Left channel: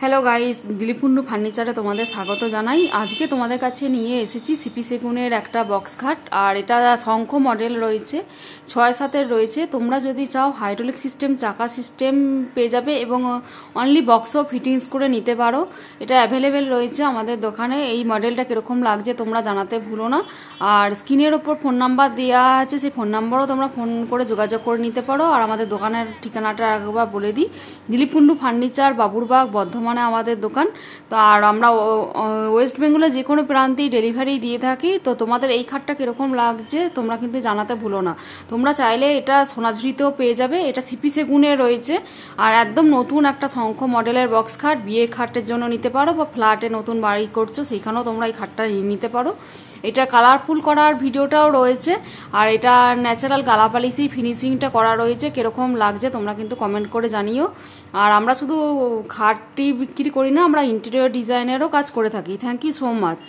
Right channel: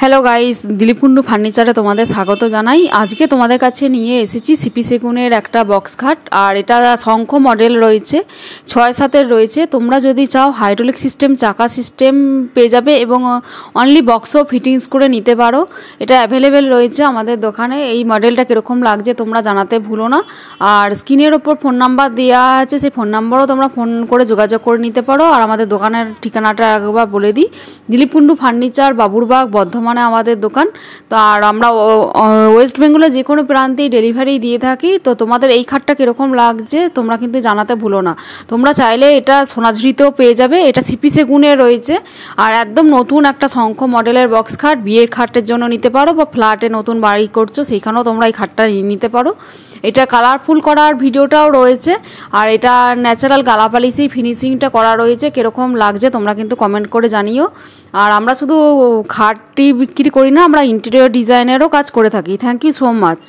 Hello guys, Dilip Kundu ফার্নিচারে তোমাদের স্বাগত জানাই। আজকে তোমাদের কাছে নিয়ে এসেছি সিপি সেগুনের একটা বক্স খাট। আর এটা শঙ্খ মডেল রয়েছে, 6-7 রয়েছে। তোমরা যদি চাও হাইড্রোলিক সিস্টেম, চাকা সিস্টেম পেয়ে যাবে এবং অনলি বক্সও ফিটিংস করে নিতে পারো। এটা অ্যাভেলেবেল রয়েছে আমাদের দোকানে। এই মডেলটা কীরকম লাগছে তোমরা জানাতে ভুলো না। আর স্ক্রিনের ওপর ফোন নাম্বার দেওয়া আছে, সেই ফোন নাম্বারও তোমরা ফোন করে যোগাযোগ করে নিতে পারো। আর আমাদের দোকানের ঠিকানাটা একবার বলে দিই, দিলীপ কুন্ডু ফার্নিচার, বাবুরবাগ, বর্ধমান আমাদের দোকান। তো আর আমরা ওয়েস্ট বেঙ্গলের যে কোনো প্রান্তেই ডেলিভারি দিয়ে থাকি। তো তোমাদের এই খাটটা কীরকম লাগছে তোমরা কিন্তু জানাতে ভুলো না। তোমরা চাইলে এটা সোনাঝুরিতেও পেয়ে যাবে। এটা সিপি সেগুনে রয়েছে আর একদম নতুন একটা শঙ্খ মডেলের বক্স খাট। বিয়ের খাটের জন্য নিতে পারো বা ফ্ল্যাটে নতুন বাড়ি করছো সেইখানেও তোমরা এই খাটটা নিতে পারো। এটা কালারফুল করার ভিডিওটাও রয়েছে। আর এটা ন্যাচারাল গালাপালিশেই ফিনিশিংটা করা রয়েছে। কীরকম লাগছে তোমরা কিন্তু কমেন্ট করে জানিও। আর আমরা শুধু খাটটি বিক্রি করি না, আমরা ইন্টেরিয়র ডিজাইনেরও কাজ করে থাকি। Thank you so much.